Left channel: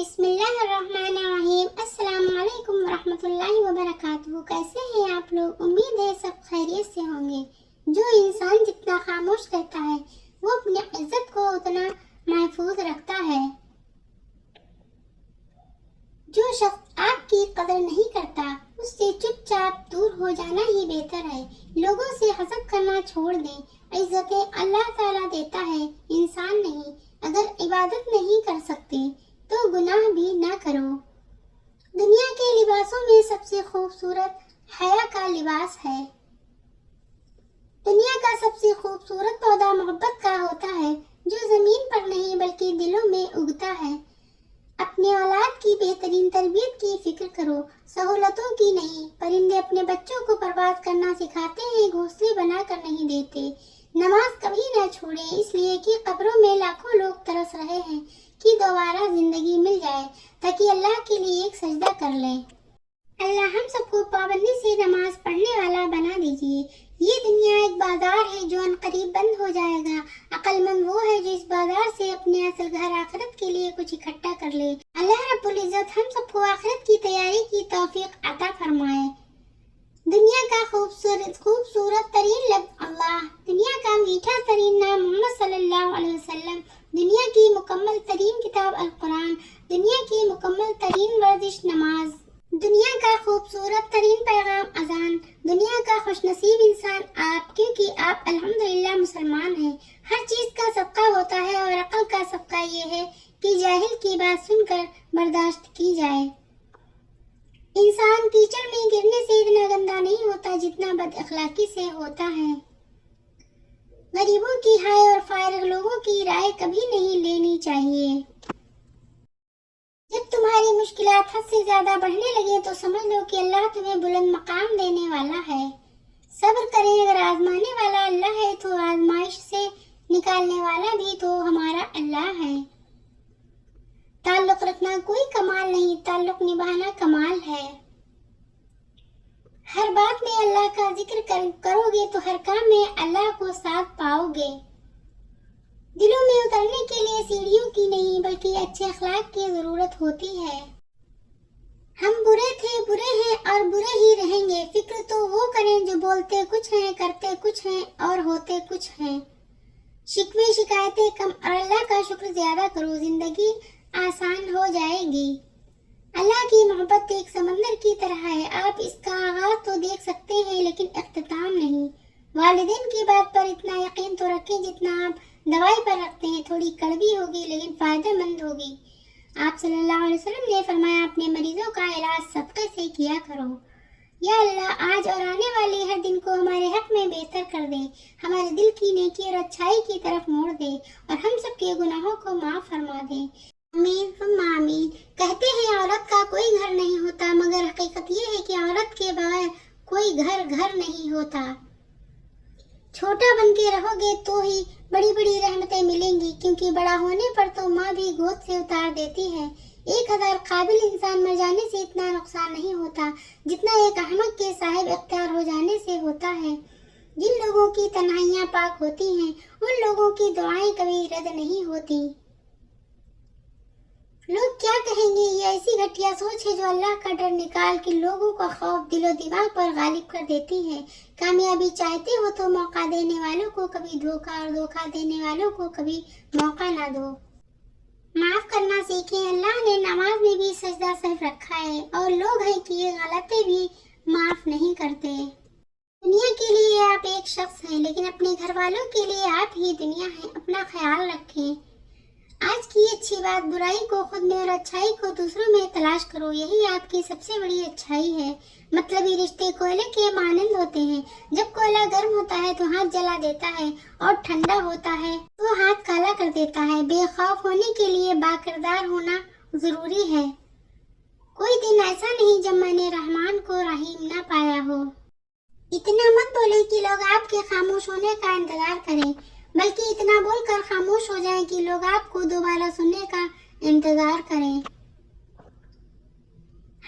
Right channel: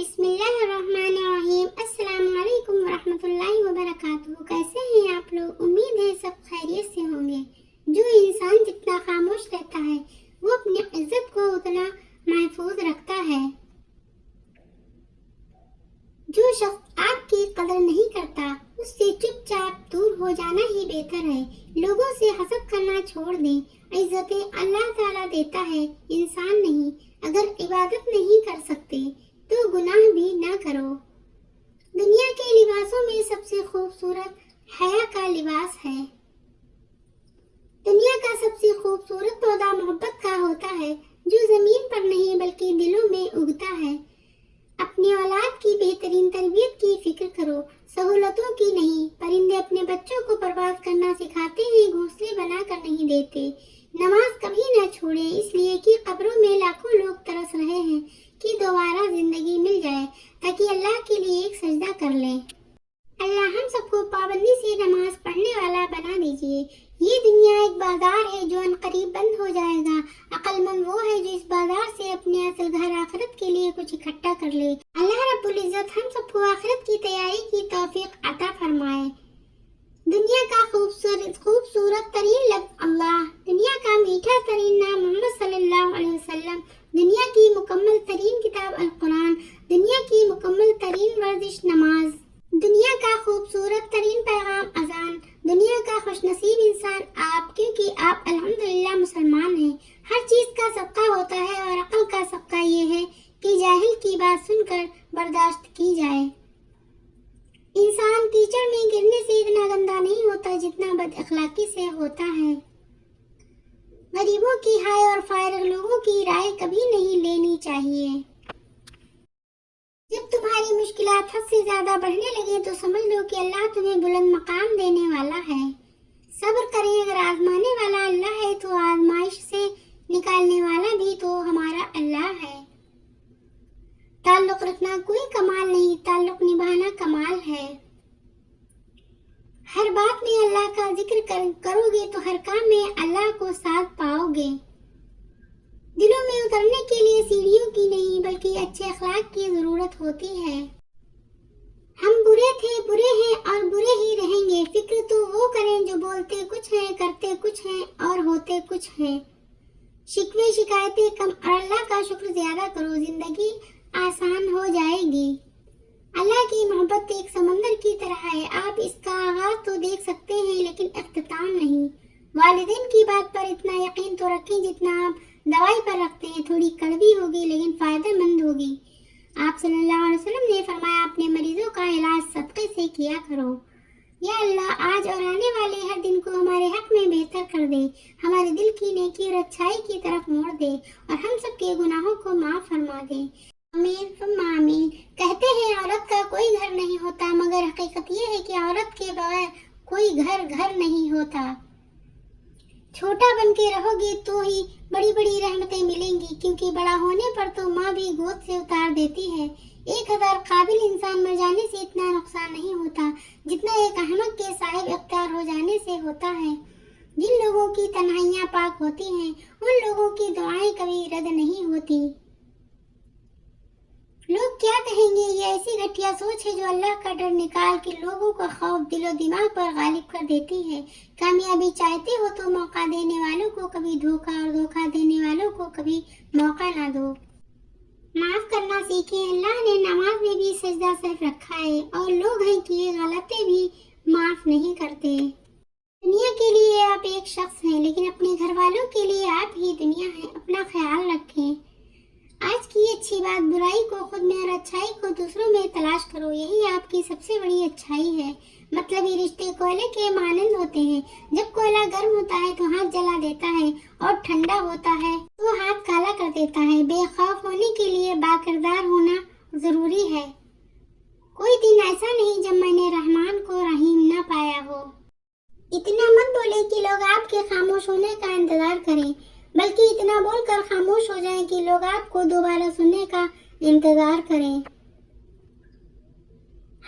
بسم اللہ الرحمن الرحیم۔ السلام علیکم ورحمۃ اللہ وبرکاتہ۔ کیسے ہیں آپ لوگ؟ امید ہے سب خیریت سے ہوں گے۔ جو انسان جتنا خاموش رہتا ہے وہ اپنی عزت کو اتنا محفوظ رکھتا ہے۔ جو شخص آپ کی قدر نہیں کرتا اس سے چپ چاپ دور ہو جانا ہی بہتر ہے۔ لوگوں سے حسد کرنا چھوڑ دیں۔ عزتیں اللہ تعالیٰ دیتا ہے، انسان نہیں۔ اگر عبادت نہیں کر سکتے تو گناہ بھی نہ کرو۔ دنیا کے لباسوں میں سب سے خوبصورت حیا کا لباس ہے۔ دنیا کا سب سے خوبصورت پودا محبت کا ہوتا ہے، جو زمین پر نہیں بلکہ دلوں میں اگتا ہے۔ اپنے اولاد کی بہترین تربیت کی فکر کرو، سہولتوں کی نہیں۔ پرندے اپنے بچوں کو پرواز کرنا سکھاتے ہیں، گھونسلے بنا کر نہیں دیتے۔ نماز کبھی نہ چھوڑیں، اس لیے کہ قبروں میں لاکھوں لوگ ترس رہے ہیں کہ دوبارہ زندگی مل جائے تاکہ اللہ کے لیے ایک سجدہ کر لیں۔ اللہ ہم سب کو پابندی سے نماز پڑھنے والا بنا دیجیے۔ یہ دنیا ایک بازار ہے جو عنقریب بند ہو جائے گا۔ عقل مند وہ ہے جو اس بازار سے اپنے اصل گھر آخرت کے لیے کچھ اکٹھا کر لے۔ اللہ رب العزت ہم سب کو آخرت کی تیاری کی توفیق عطا فرمائے۔ دنیا کا خوبصورت ترین لفظ اللہ، دنیا کا میٹھا ترین نام محمد صلی اللہ علیہ وسلم، دنیا کی مکمل ترین کتاب القرآن، دنیا کی مکمل ترین ورزش نماز، دنیا کا خوبصورت ترین پیغام اذان، دنیا کا خوش نصیب انسان آپ، کیونکہ آپ الحمدللہ مسلمان ہیں۔ ہر چیز کا صدقہ ہوتا ہے اور عقل کا صدقہ یہ ہے کہ جاہل کی بات سن کر برداشت کی جائے۔ انسان کیچڑ میں گرنے سے اتنا گندا نہیں ہوتا جتنا بد اخلاقی سے ہوتا ہے۔ غریبوں کی ہائے اور فارغ لوگوں کی رائے کبھی نہیں لینی چاہیے۔ جب تمہاری مشکلات حد سے زیادہ بڑھنے لگے تو سمجھ لو کہ اللہ تمہیں بلند مقام دینے والا ہے۔ صبر کریں، اگر آزمانے والا اللہ ہے تو آزمائش سے نکالنے والا بھی تو ہمارا اللہ ہے۔ تعلق رکھنا کوئی کمال نہیں، تعلق نبھانا کمال ہے۔ ہر بات میں اللہ کا ذکر کرو گے تو ہر کام میں اللہ کو ساتھ پاؤ گے۔ دلوں میں اترنے کے لیے سیڑھیوں کی نہیں بلکہ اچھے اخلاق کی ضرورت ہوتی ہے۔ ہم برے تھے، برے ہیں اور برے ہی رہیں گے۔ فکر تو وہ کریں جو بولتے کچھ ہیں، کرتے کچھ ہیں اور ہوتے کچھ ہیں۔ شکوے شکایتیں کم اور اللہ کا شکر زیادہ کرو، زندگی آسان ہو جائے گی۔ اللہ کی محبت ایک سمندر کی طرح ہے، آپ اس کا آغاز تو دیکھ سکتے ہیں لیکن اختتام نہیں۔ والدین کی بات پر اتنا یقین تو رکھیں جتنا آپ دوائی پر رکھتے ہیں، تھوڑی کڑوی ہوگی لیکن فائدہ مند ہوگی۔ آپ صلی اللہ علیہ وسلم نے فرمایا اپنے مریضوں کا علاج صدقے سے کیا کرو۔ یا اللہ آج اور آنے والے ہر دن کو ہمارے حق میں بہتر کر دے، ہمارے دل کی نیکی اور اچھائی کی طرف موڑ دے اور ہم سب کے گناہوں کو معاف فرما دے۔ آمین ثم آمین۔ کہتے ہیں عورت کا کوئی گھر نہیں ہوتا، مگر حقیقت یہ ہے کہ عورت کے بغیر کوئی گھر نہیں ہوتا۔ چھوٹا بن کے رہو گے تو ہی بڑی بڑی رحمتیں ملیں گی، کیونکہ بڑا ہونے پر تو ماں بھی گود سے اتار دیتی ہے۔ ایک ہزار قابل انسان مر جانے سے اتنا نقصان نہیں ہوتا جتنا ایک احمق کے صاحب اختیار ہو جانے سے ہوتا ہے۔ جن لوگوں کی تنہائیاں پاک ہوتی ہیں ان لوگوں کی دعائیں کبھی رد نہیں ہوتی۔ لوگ کیا کہیں گے، یہ ایسی گھٹیا سوچ ہے جو اللہ کا ڈر نکال کے لوگوں کا خوف دل و دماغ پر غالب کر دیتی ہے۔ کامیابی چاہتے ہو تو موقع دینے والوں کو کبھی دھوکہ اور دھوکہ دینے والوں کو کبھی موقع نہ دو۔ معاف کرنا سیکھیں، اللہ نے نماز میں بھی سجدہ صرف رکھا ہے اور لوگ ہیں کہ یہ غلطیں بھی معاف نہیں کرتے۔ دنیا کے لیے آپ ایک شخص ہیں لیکن اپنے گھر والوں کے لیے آپ ہی دنیا ہیں، اپنا خیال رکھیں۔ آج کی اچھی بات برائی کو خود میں اور اچھائی کو دوسروں میں تلاش کرو، یہی آپ کی سب سے بڑی اچھائی ہے۔ مطلبی رشتے کوئلے کے مانند ہوتے ہیں، جب کوئلہ گرم ہوتا ہے تو ہاتھ جلا دیتا ہے اور ٹھنڈا ہوتا ہے تو ہاتھ کالا کر دیتا ہے۔ بے خوف ہونے کے لیے باکردار ہونا ضروری ہے۔ کوئی دن ایسا نہیں جب میں نے رحمان کو رحیم نہ پایا ہو۔ اتنا مت بولے کہ لوگ آپ کے خاموش ہونے کا انتظار کریں، بلکہ اتنا بول کر خاموش ہو جائیں کہ لوگ آپ کو دوبارہ سننے کا انتظار کریں۔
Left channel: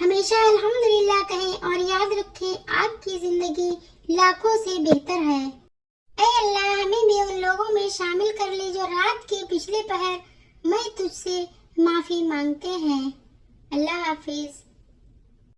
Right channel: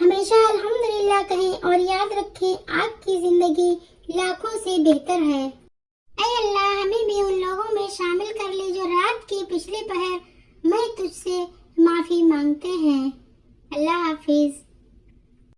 ہمیشہ الحمدللہ کہیں اور یاد رکھیں آپ کی زندگی لاکھوں سے بہتر ہے۔ اے اللہ ہمیں بھی ان لوگوں میں شامل کر لے جو رات کے پچھلے پہر میں تجھ سے معافی مانگتے ہیں.